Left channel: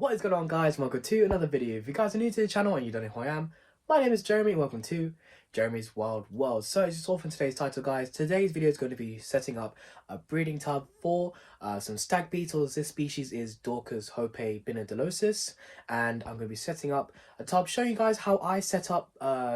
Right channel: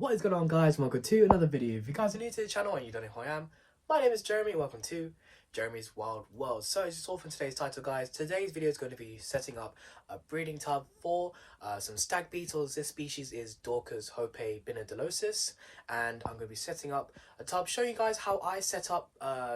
What is going on, guys? Welcome to another video. If you guys are new to the channel and you don't know who I am, my name is Jeremy. Welcome to Jeremy's Wild World. So as you saw from today's title, guys, today's video is going to be setting up a breeding tub for some stag beetles. This species is Dorcas hope-binodolosis, and I'm going to be setting up a tub showing you guys how I set up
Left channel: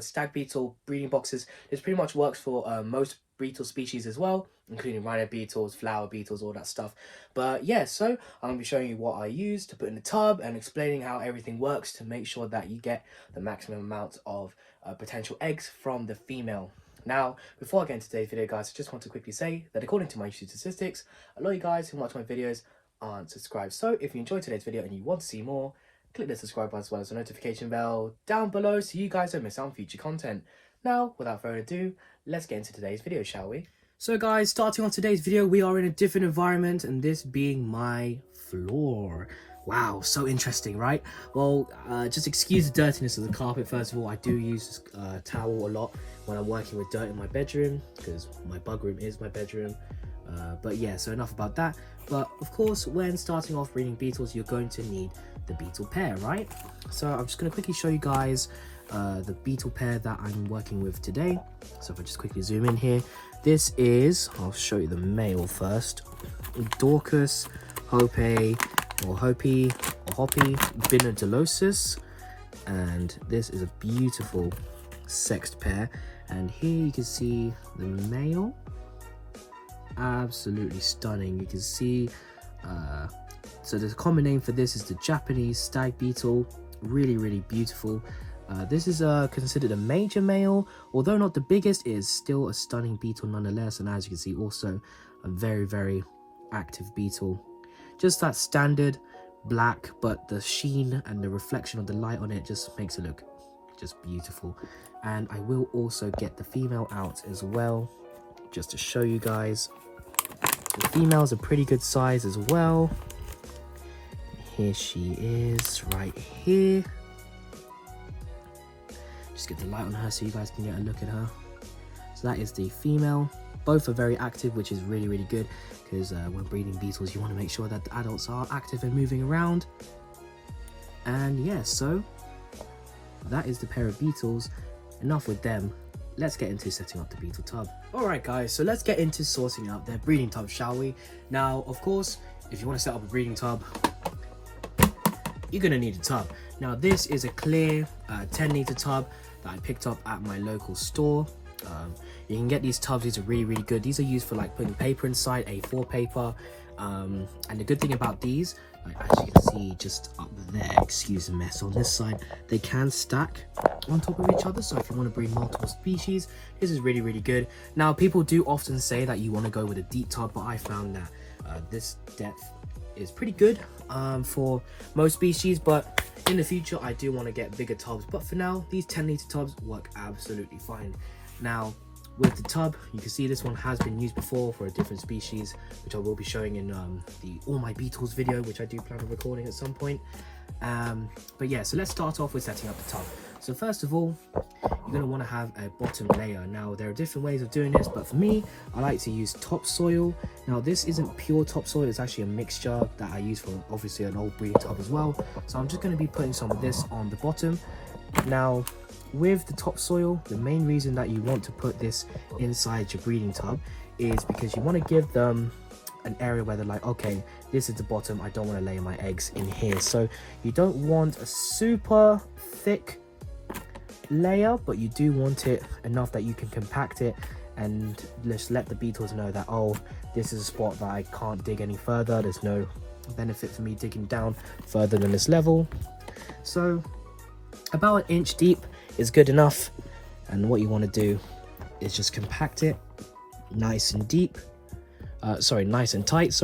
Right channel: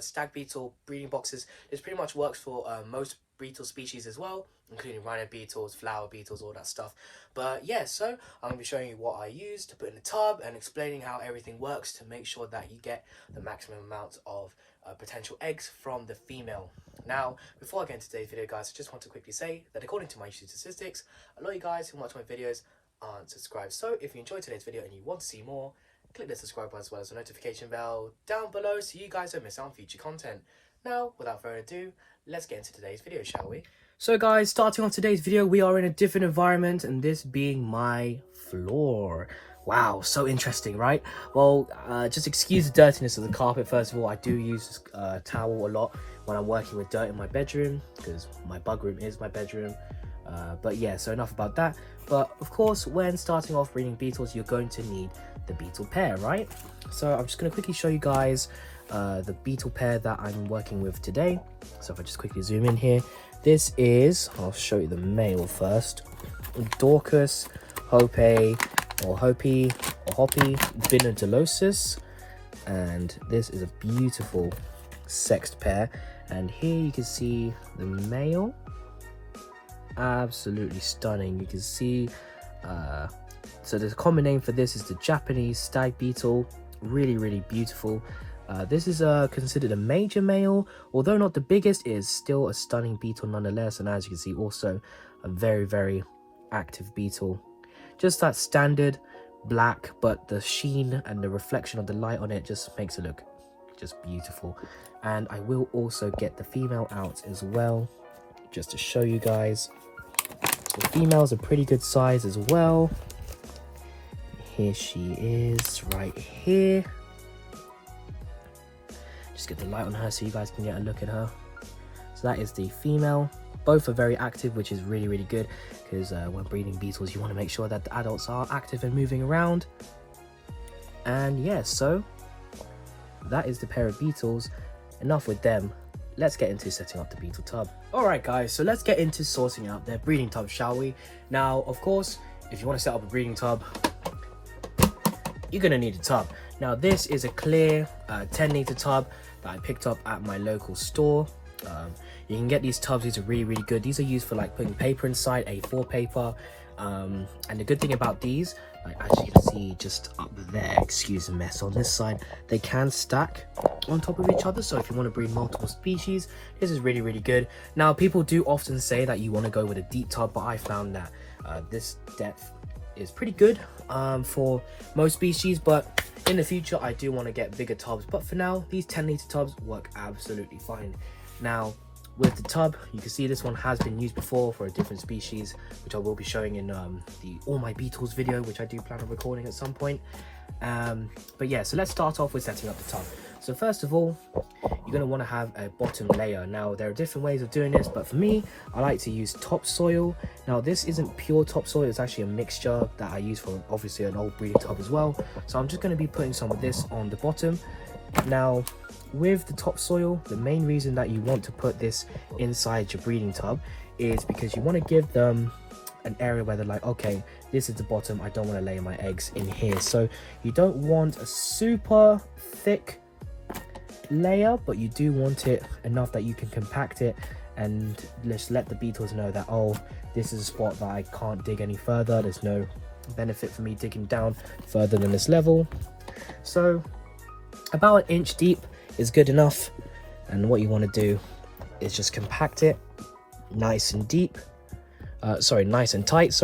stag beetle breeding boxes. This pretty much works for most beetle species as well, including rhino beetles, flower beetles, all that stuff. But yeah, so I'm going to be showing you what I use to put in the tub and explaining how everything works to make sure that you get the maximum amount of potential eggs from the female. Now, before I get into today's video, guys, I just want to quickly say that according to my YouTube statistics, a lot of you guys who watch my videos aren't subscribed. So if you enjoyed today's video and you want to see more, click the subscribe button as well as the notification bell down below so you guys don't miss out on future content. Now, without further ado, let's get into today's video, shall we? So guys, starting on today's video, we are in a different environment, and this being my floor. Wow, so interesting, right? Well, just excuse the dirtiness of the carpet. First of all, I do use this towel a lot when I'm working with dirt in my bedroom, because my bug room is my bedroom. But yeah, so enough about that. But of course, when starting off breeding beetles, you're going to need the beetle pair, right? So I'm just going to quickly show you guys the beetle pair that I'm working with today. So if I just quickly zoom in here, this is, I'll show you the male first, Dorcas hope-binodolosis, and this is a beautiful sexed pair. And here you can see the male, absolutely stunning. You can see so the common name for this is the Japanese stag beetle. Really beautiful. This is considered a major male, although not the biggest. It is still a stunning beetle nonetheless, and as you can see, also a very active beetle. Just that standard black, but the sheen and the reflection of the light on it just makes it look just beautiful. And I will also get the female out as well, just to show you guys. The female's a pretty good size as well. Here she is right here. Just get the light on her so you guys can get a look at her. So that is the female. Both are very active, which is really good, because when breeding beetles you want to make sure that the adults are active and moving around. And yeah, so that is the pair of beetles. Enough with them, let's get into setting up the beetle tub. Alright guys, so let's get into sorting out their breeding tub, shall we? Now of course, if you want to set up a breeding tub, you're going to need a tub. Now this is a clear 10-litre tub that I picked up at my local store. You can get these tubs. These are really good. These are used for like putting paper inside, A4 paper. And the good thing about these, like as you can see just up there, excuse the mess on this side, they can stack on top of each other. So if you want to breed multiple species, this is really good. Now people do often say that you want to go with a deep tub, but I found that this depth is pretty good for most species, but in the future I do want to get bigger tubs. But for now, these 10-litre tubs work absolutely fine. Now with the tub, you can see this one has been used before for a different species, which I will be showing in the All My Beetles video, which I do plan on recording at some point. But yeah, so let's start off with setting up the tub. So first of all, you're going to want to have a bottom layer. Now there are different ways of doing this, but for me, I like to use topsoil. Now this isn't pure topsoil, it's actually a mixture that I use for obviously an old breeding tub as well. So I'm just going to be putting some of this on the bottom. Now with the topsoil, the main reason that you want to put this inside your breeding tub is because you want to give them an area where they're like, okay, this is the bottom, I don't want to lay my eggs in here. So you don't want a super thick layer, but you do want it enough that you can compact it and just let the beetles know that, oh, this is a spot that I can't dig any further. There's no benefit for me digging down further than this level. So about 1 inch deep is good enough, and what you want to do is just compact it nice and deep, nice and tight,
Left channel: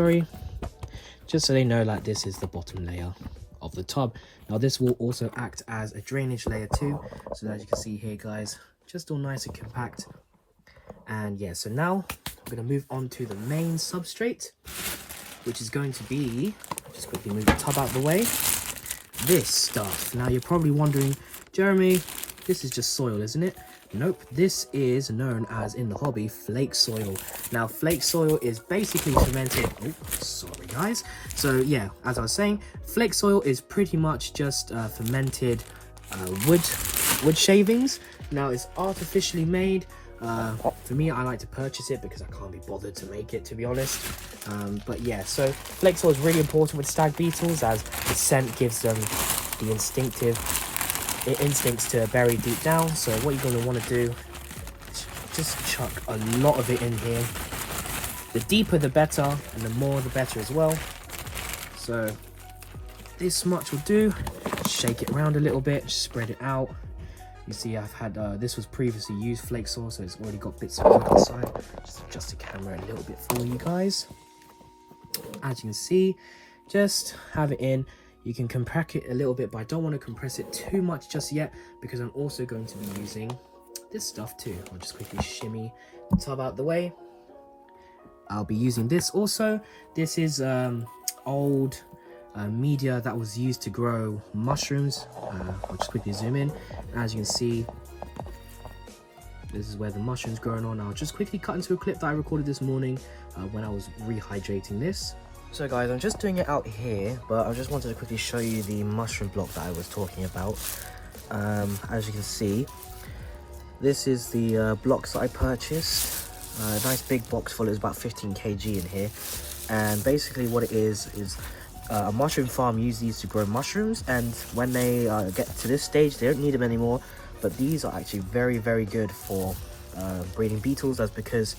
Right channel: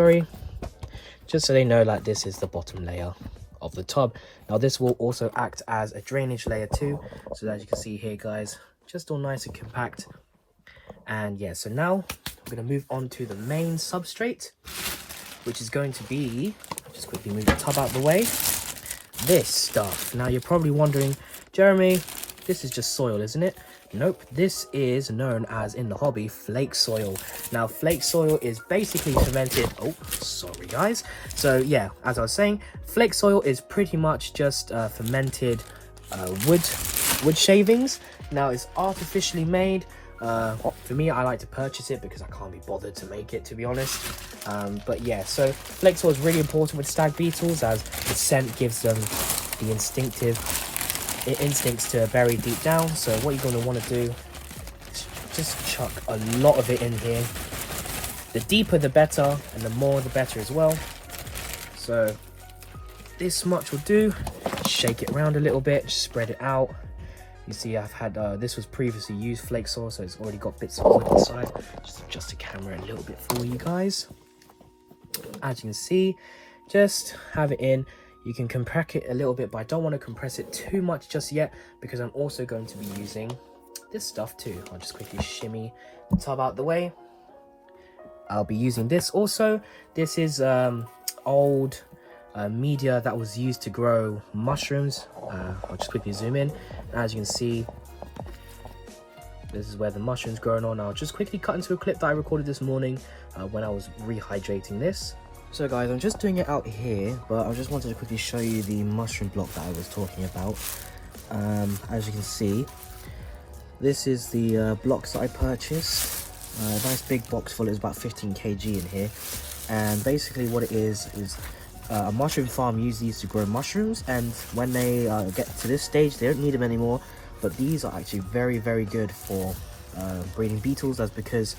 just so they know that this is the bottom layer of the tub. Now this will also act as a drainage layer too, so as you can see here guys, just all nice and compact. And yeah, so now we're going to move on to the main substrate, which is going to be, just quickly move the tub out of the way, this stuff. Now you're probably wondering, Jeremy, this is just soil, isn't it? Nope, this is known as, in the hobby, flake soil. Now, flake soil is basically fermented... Oh, sorry, guys. So, yeah, as I was saying, flake soil is pretty much just fermented wood shavings. Now, it's artificially made. For me, I like to purchase it because I can't be bothered to make it, to be honest. But yeah, so flake soil is really important with stag beetles, as the scent gives them the instincts to bury deep down. So what you're going to want to do is just chuck a lot of it in here. The deeper the better, and the more the better as well. So this much will do. Shake it around a little bit, spread it out. You see, I've had this was previously used flake soil, so it's already got bits of wood inside. Just adjust the camera a little bit for you guys. As you can see, just have it in. You can compress it a little bit, but I don't want to compress it too much just yet, because I'm also going to be using this stuff too. I'll just quickly shimmy the tub out the way. I'll be using this also. This is old media that was used to grow mushrooms. I'll just quickly zoom in. As you can see, this is where the mushroom's growing on. I'll just quickly cut into a clip that I recorded this morning when I was rehydrating this. So guys, I'm just doing it out here, but I just wanted to quickly show you the mushroom block that I was talking about. As you can see, this is the blocks that I purchased. A nice big box full. It's about 15 kg in here, and basically what it is a mushroom farm uses these to grow mushrooms, and when they get to this stage, they don't need them anymore. But these are actually very, very good for breeding beetles. That's because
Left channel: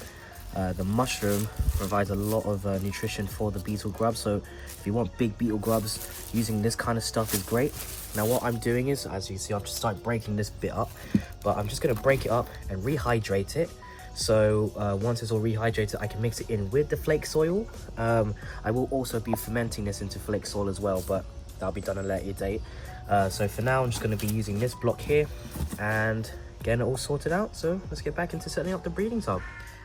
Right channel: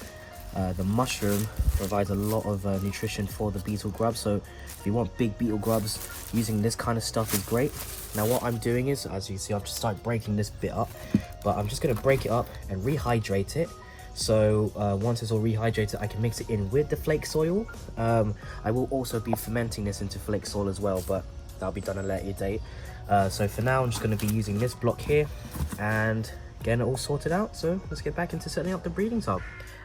the mushroom provides a lot of nutrition for the beetle grubs. So if you want big beetle grubs, using this kind of stuff is great. Now what I'm doing is, as you see, I'm just like breaking this bit up, but I'm just going to break it up and rehydrate it. So once it's all rehydrated, I can mix it in with the flake soil. I will also be fermenting this into flake soil as well, but that'll be done at a later date. So for now, I'm just going to be using this block here and getting it all sorted out. So let's get back into setting up the breeding tub.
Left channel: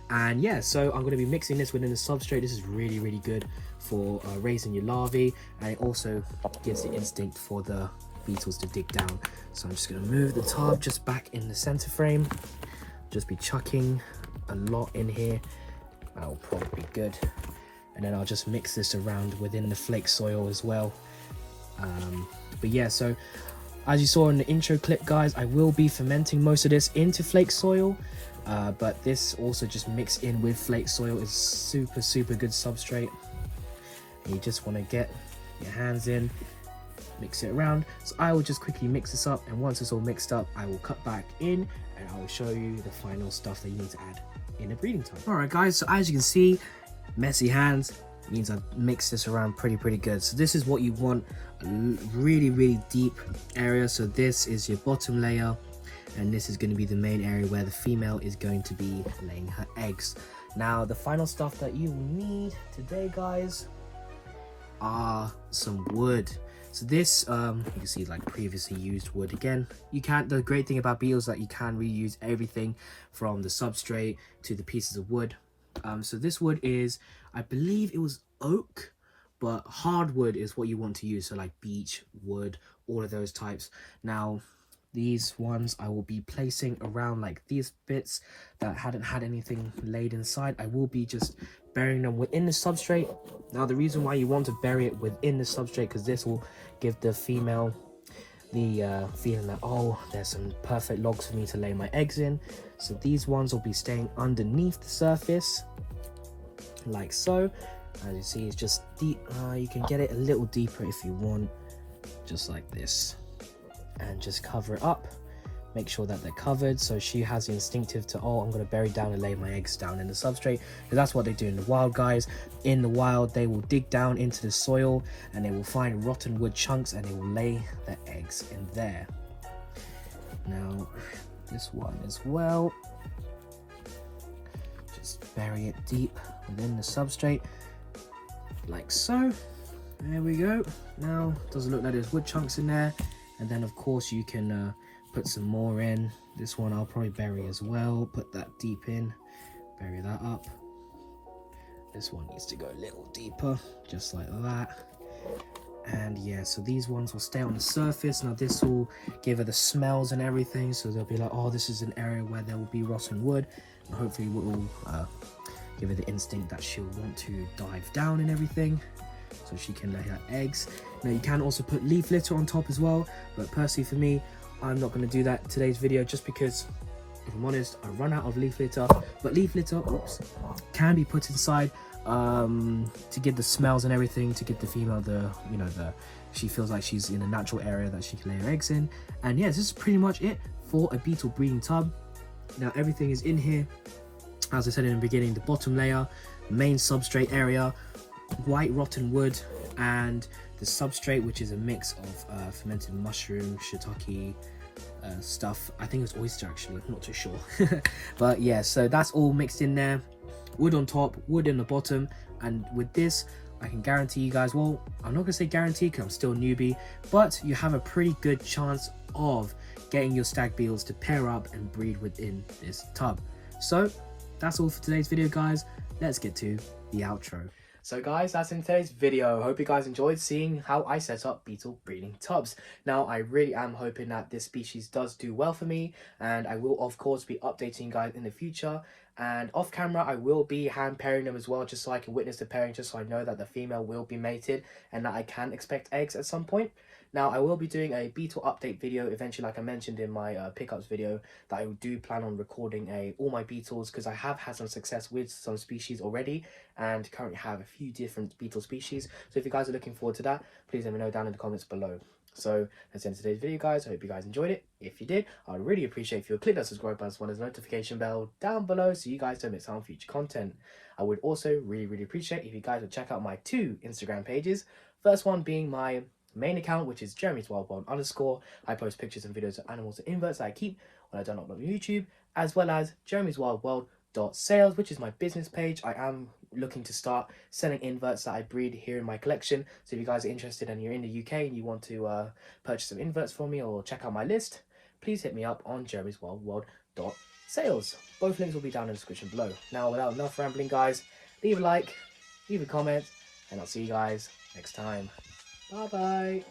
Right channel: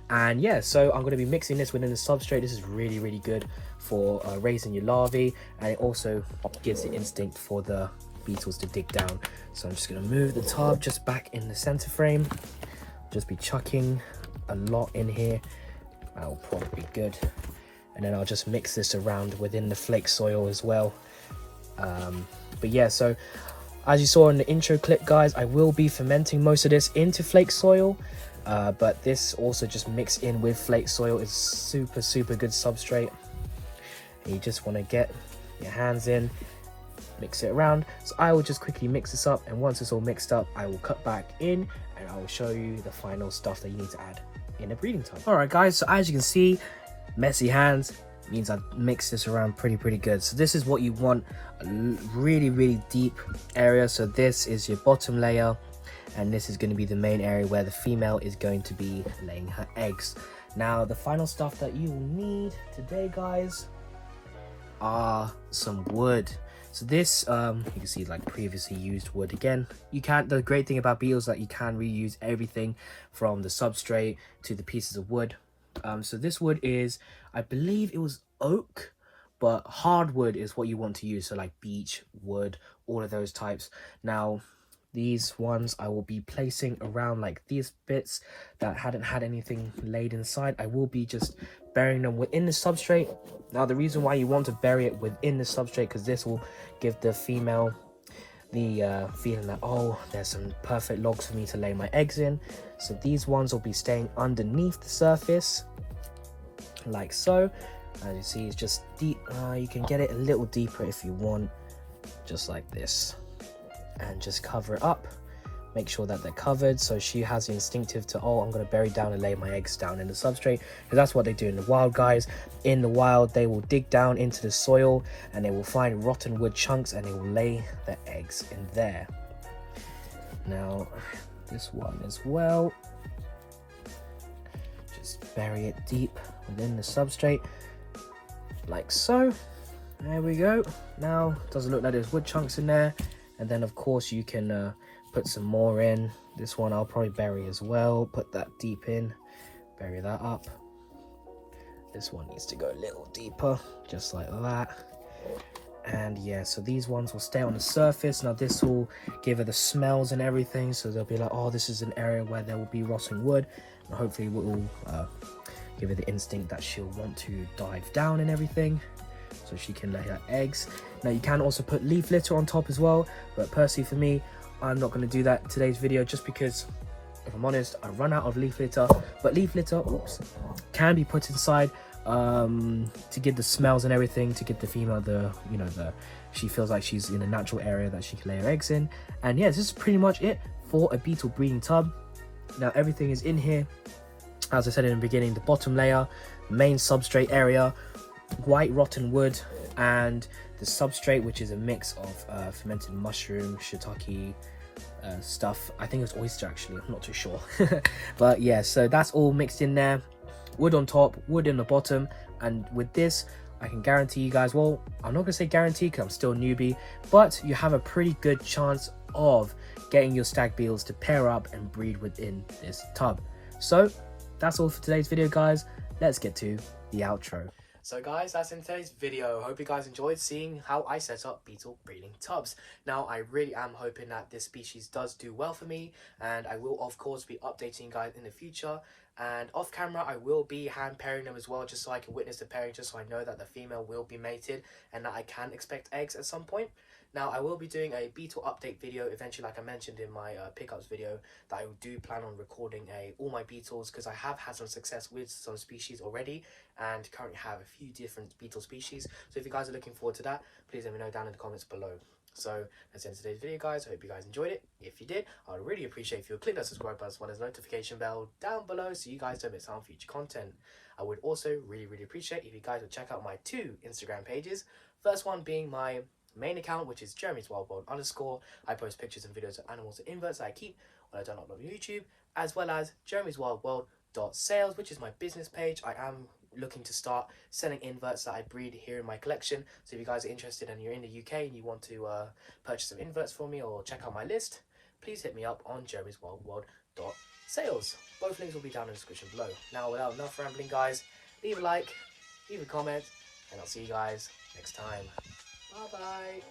And yeah, so I'm going to be mixing this within the substrate. This is really, really good for raising your larvae, and it also gives the instinct for the beetles to dig down. So I'm just going to move the tub just back in the center frame. Just be chucking a lot in here. That will probably be good. And then I'll just mix this around within the flake soil as well. But yeah, so as you saw in the intro clip, guys, I will be fermenting most of this into flake soil. But this also just mixed in with flake soil is super, super good substrate. You just want to get your hands in, mix it around. So I will just quickly mix this up, and once it's all mixed up, I will cut back in and I will show you the final stuff that you need to add in a breeding tub. Alright guys, so as you can see, messy hands means I've mixed this around pretty good. So this is what you want, a really, really deep area. So this is your bottom layer, and this is going to be the main area where the female is going to be laying her eggs. Now the final stuff that you will need today, guys, are some wood. So this you can see like previously used wood again. The great thing about beetles is that you can reuse everything from the substrate to the pieces of wood. So this wood is, I believe it was oak, but hardwood is what you want to use. So like beech wood, all of those types. Now these ones I will be placing around like these bits that hadn't had anything laid inside. I will be just burying them within the substrate. Now the reason why you want to bury it within the substrate, because this will give the female the feeling that, oh, there's some perfect logs for me to lay my eggs in. So these ones will be staying underneath the surface like so. As you see, it's just deep. You can get it a little deeper if you want, just like this, and just cover it up. Make sure that they're covered, so she has the instinctive to, oh, I'm going to bury down and lay my eggs down in the substrate, because that's what they do in the wild, guys. In the wild, they will dig down into the soil and they will find rotten wood chunks and they will lay their eggs in there. Now this one as well, just bury it deep within the substrate like so. There we go. Now it doesn't look like there's wood chunks in there, and then of course you can put some more in. This one I'll probably bury as well. Put that deep in, bury that up. This one needs to go a little deeper, just like that. And yeah, so these ones will stay on the surface. Now this will give her the smells and everything, so they'll be like, oh, this is an area where there will be rotting wood, and hopefully it will give her the instinct that she'll want to dive down and everything, so she can lay her eggs. Now you can also put leaf litter on top as well, but personally for me, I'm not going to do that in today's video, just because if I'm honest, I run out of leaf litter. But leaf litter, oops, can be put inside to give the smells and everything, to give the female she feels like she's in a natural area that she can lay her eggs in. And yeah, this is pretty much it for a beetle breeding tub. Now everything is in here, as I said in the beginning. The bottom layer, main substrate area, white rotten wood, and the substrate, which is a mix of fermented mushroom, shiitake stuff. I think it's oyster actually, I'm not too sure. But yeah, so that's all mixed in there. Wood on top, wood in the bottom. And with this, I can guarantee you guys, well, I'm not gonna say guarantee because I'm still a newbie, but you have a pretty good chance of getting your stag beetles to pair up and breed within this tub. So that's all for today's video, guys. Let's get to the outro. So guys, that's in today's video. Hope you guys enjoyed seeing how I set up beetle breeding tubs. Now, I really am hoping that this species does do well for me, and I will of course be updating you guys in the future. And off camera, I will be hand pairing them as well, just so I can witness the pairing, just so I know that the female will be mated and that I can expect eggs at some point. Now, I will be doing a beetle update video eventually, like I mentioned in my pickups video, that I do plan on recording all my beetles, because I have had some success with some species already and currently have a few different beetle species. So if you guys are looking forward to that, please let me know down in the comments below. So that's the end of today's video, guys. I hope you guys enjoyed it. If you did, I would really appreciate if you would click that subscribe button as well as the notification bell down below, so you guys don't miss out on future content. I would also really appreciate if you guys would check out my 2 Instagram pages. First one being my main account, which is Jeremy's Wild World _. I post pictures and videos of animals and inverts that I keep when I don't upload on YouTube, as well as Jeremy's Wild World .sales, which is my business page. I am looking to start selling inverts that I breed here in my collection. So if you guys are interested and you're in the UK and you want to purchase some inverts from me or check out my list, please hit me up on Jeremy's Wild World .sales. Both links will be down in the description below. Now, without enough rambling, guys, leave a like, leave a comment, and I'll see you guys next time. Bye bye.